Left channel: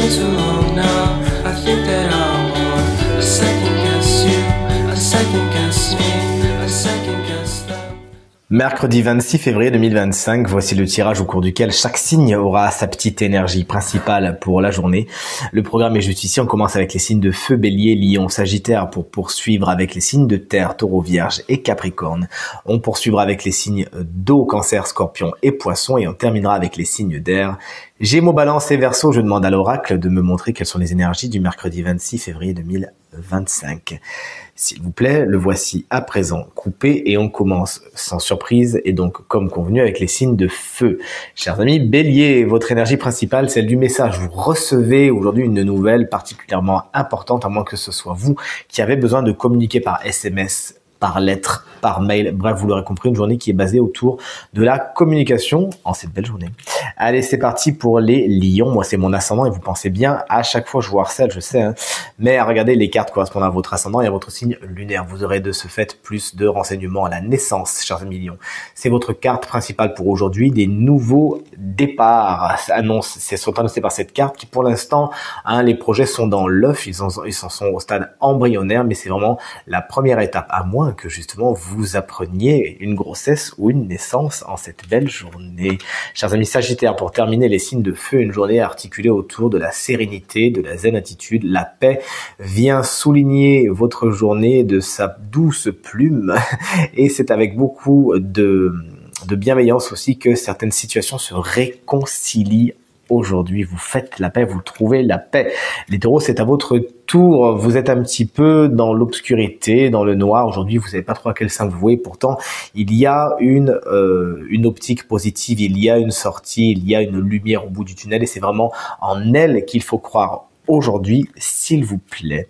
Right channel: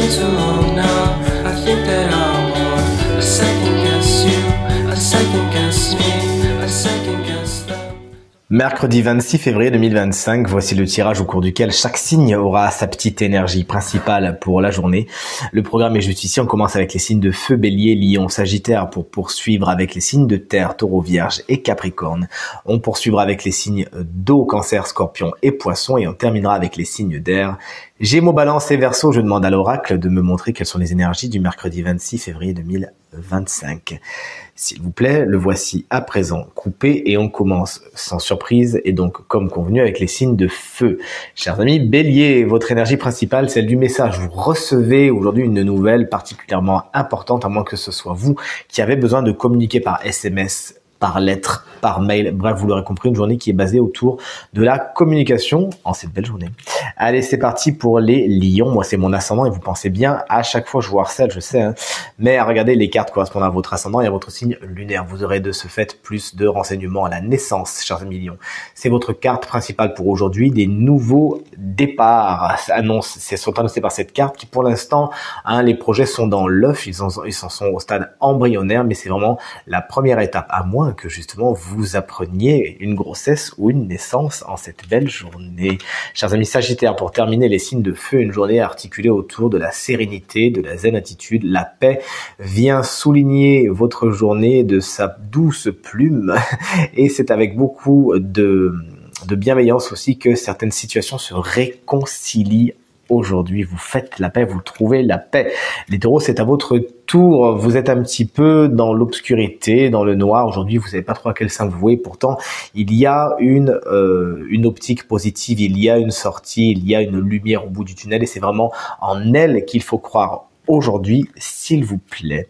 been too long now. I think that I want a second guess you, a second guess me, a second guess them. Mercredi 26 février 2025, voici le tirage au cours duquel chaque signe aura sa petite énergie principale pour la journée. Le programme est juste ici, on commence avec les signes de feu, bélier, lion, sagittaire pour poursuivre avec les signes de terre, taureau, vierge et capricorne. On poursuivra avec les signes d'eau, cancer, scorpion et poisson et on terminera avec les signes d'air. Gémeaux, balance et verseau, je demande à l'oracle de me montrer quelles sont les énergies du mercredi 26 février 2025. S'il vous plaît, le voici à présent coupé et on commence sans surprise et donc comme convenu avec les signes de feu. Chers amis, bélier, votre énergie principale, celle du message. Vous recevez aujourd'hui une nouvelle particulièrement importante, à moins que ce soit vous qui avez besoin de communiquer par SMS, par lettre, par mail, bref, vous l'aurez compris, une journée qui est basée autour de la communication en cette belle journée. Allez, c'est parti pour les lions. Moi, c'est mon ascendant et vous pensez bien, à chaque fois, je vous harcèle, je sais, hein, mais regardez, les cartes correspondant à votre ascendant et à votre signe lunaire. Vous aurez de ce fait plus de renseignements à la naissance, chers amis lions. C'est votre carte principale pour aujourd'hui, des nouveaux départs. Sont annoncés par cette carte qui, pour l'instant, hein, les projets sont dans l'œuf, ils en sont au stade embryonnaire, mais c'est vraiment la première étape, à moins que justement vous appreniez une grossesse ou une naissance en cette belle journée. Chers amis sagittaires, pour terminer les signes de feu, une journée articulée autour de la sérénité, de la zen attitude, la paix vient souligner votre journée de sa douce plume et c'est avec beaucoup de bienveillance aussi que certaines situations se réconcilient. Aujourd'hui, vous faites la paix, vous trouvez la paix. Les taureaux, c'est à votre tour. Vous êtes un petit peu dans l'obscurité, dans le noir. Aujourd'hui, vous savez pas trop à quel sein vous vouer. Pourtant, il y a une optique positive, il y a une sortie, il y a une lumière au bout du tunnel et c'est vraiment en elle qu'il faut croire. Aujourd'hui, s'il vous plaît.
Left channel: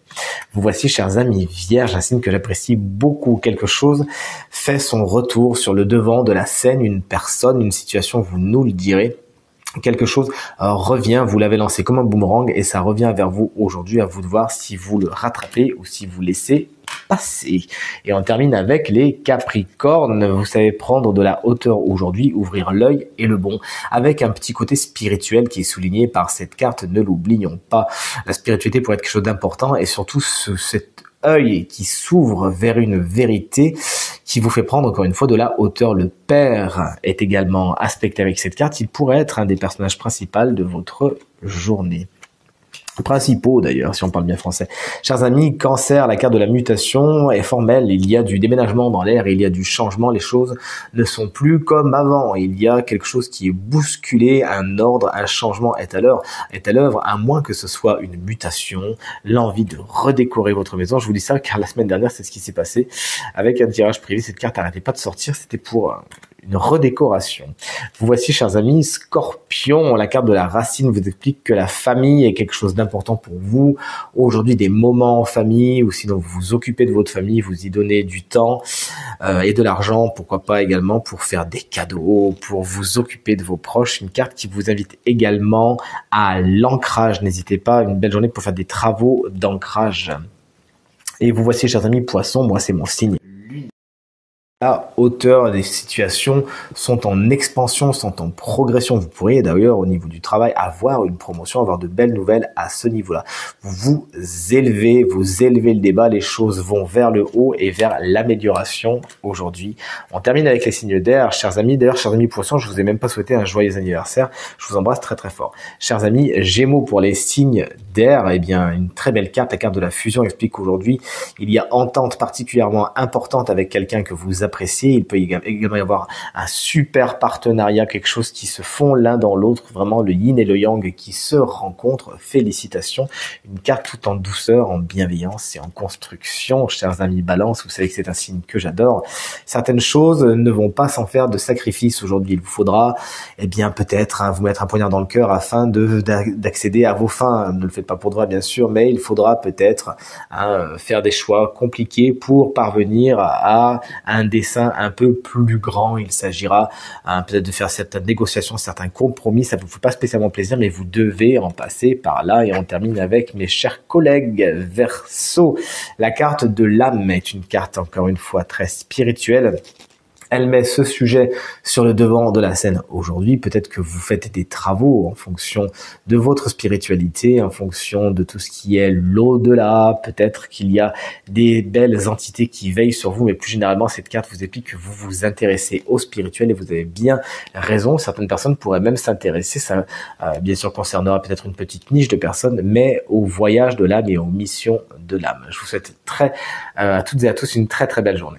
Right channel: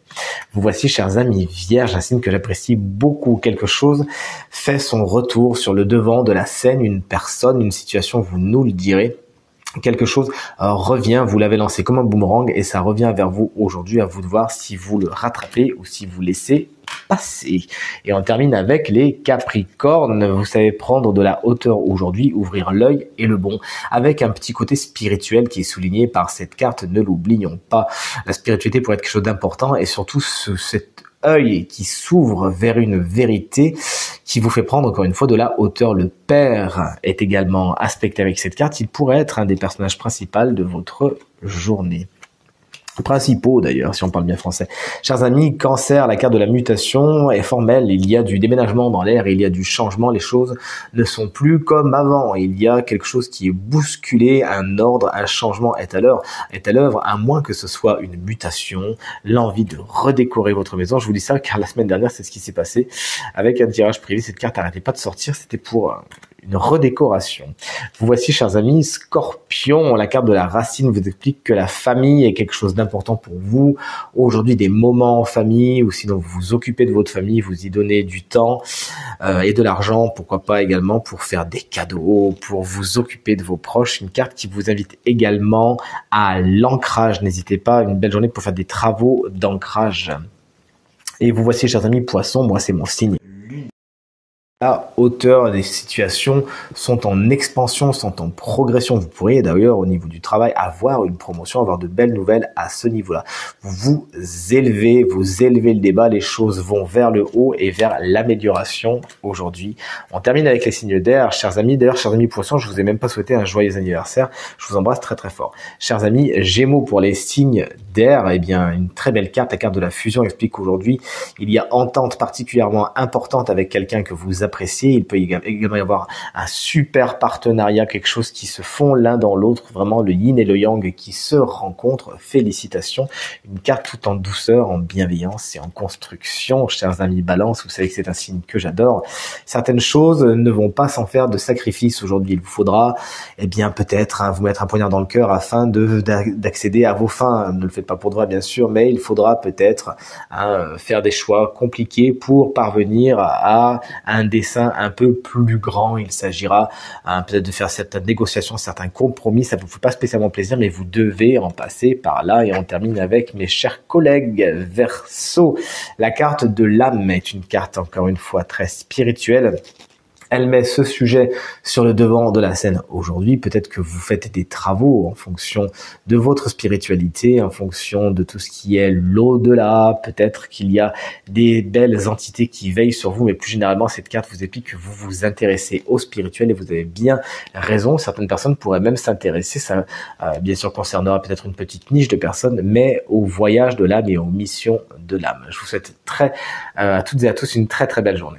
Vous voici, chers amis vierges, un signe que j'apprécie beaucoup. Quelque chose fait son retour sur le devant de la scène, une personne, une situation, vous nous le direz. Quelque chose revient, vous l'avez lancé comme un boomerang et ça revient vers vous aujourd'hui, à vous de voir si vous le rattrapez ou si vous laissez passer. Et on termine avec les capricornes. Vous savez prendre de la hauteur aujourd'hui, ouvrir l'œil et le bon, avec un petit côté spirituel qui est souligné par cette carte, ne l'oublions pas. La spiritualité pourrait être quelque chose d'important et surtout cet œil qui s'ouvre vers une vérité qui vous fait prendre encore une fois de la hauteur. Le père est également aspecté avec cette carte. Il pourrait être un des personnages principaux de votre journée. Principaux d'ailleurs, si on parle bien français. Chers amis, cancer, la carte de la mutation est formelle, il y a du déménagement dans l'air, il y a du changement, les choses ne sont plus comme avant, il y a quelque chose qui est bousculé, un ordre, un changement est à l'œuvre, à moins que ce soit une mutation, l'envie de redécorer votre maison. Je vous dis ça car la semaine dernière, c'est ce qui s'est passé avec un tirage privé, cette carte n'arrêtait pas de sortir, c'était pour une redécoration. Vous voici, chers amis, Scorpion, la carte de la racine vous explique que la famille est quelque chose d'important pour vous. Aujourd'hui, des moments en famille, ou sinon vous vous occupez de votre famille, vous y donnez du temps et de l'argent, pourquoi pas également pour faire des cadeaux, pour vous occuper de vos proches. Une carte qui vous invite également à l'ancrage. N'hésitez pas, une belle journée pour faire des travaux d'ancrage. Et vous voici, chers amis, Poissons, moi c'est mon signe. La hauteur des situations sont en expansion, sont en progression. Vous pourriez d'ailleurs au niveau du travail avoir une promotion, avoir de belles nouvelles à ce niveau-là. Vous élevez le débat, les choses vont vers le haut et vers l'amélioration aujourd'hui. On termine avec les signes d'air, chers amis. D'ailleurs, chers amis Poissons, je vous ai même pas souhaité un joyeux anniversaire. Je vous embrasse très très fort. Chers amis Gémeaux, pour les signes d'air, eh bien une très belle carte, la carte de la fusion explique qu'aujourd'hui il y a entente particulièrement importante avec quelqu'un que vous apprécié. Il peut également y avoir un super partenariat, quelque chose qui se fond l'un dans l'autre, vraiment le yin et le yang qui se rencontrent. Félicitations, une carte tout en douceur, en bienveillance et en construction. Chers amis Balance, vous savez que c'est un signe que j'adore. Certaines choses ne vont pas sans faire de sacrifice aujourd'hui. Il vous faudra, eh bien peut-être vous mettre un poignard dans le cœur afin d'accéder à vos fins. Ne le faites pas pour de vrai bien sûr, mais il faudra peut-être faire des choix compliqués pour parvenir à un dessin un peu plus grand. Il s'agira peut-être de faire certaines négociations, certains compromis. Ça ne vous fait pas spécialement plaisir, mais vous devez en passer par là. Et on termine avec mes chers collègues Verseau. La carte de l'âme est une carte encore une fois très spirituelle. Elle met ce sujet sur le devant de la scène aujourd'hui. Peut-être que vous faites des travaux en fonction de votre spiritualité, en fonction de tout ce qui est l'au-delà. Peut-être qu'il y a des belles entités qui veillent sur vous, mais plus généralement, cette carte vous explique que vous vous intéressez au spirituel et vous avez bien raison. Certaines personnes pourraient même s'intéresser, ça bien sûr concernera peut-être une petite niche de personnes, mais au voyage de l'âme et aux missions de l'âme. Je vous souhaite à toutes et à tous une très très belle journée.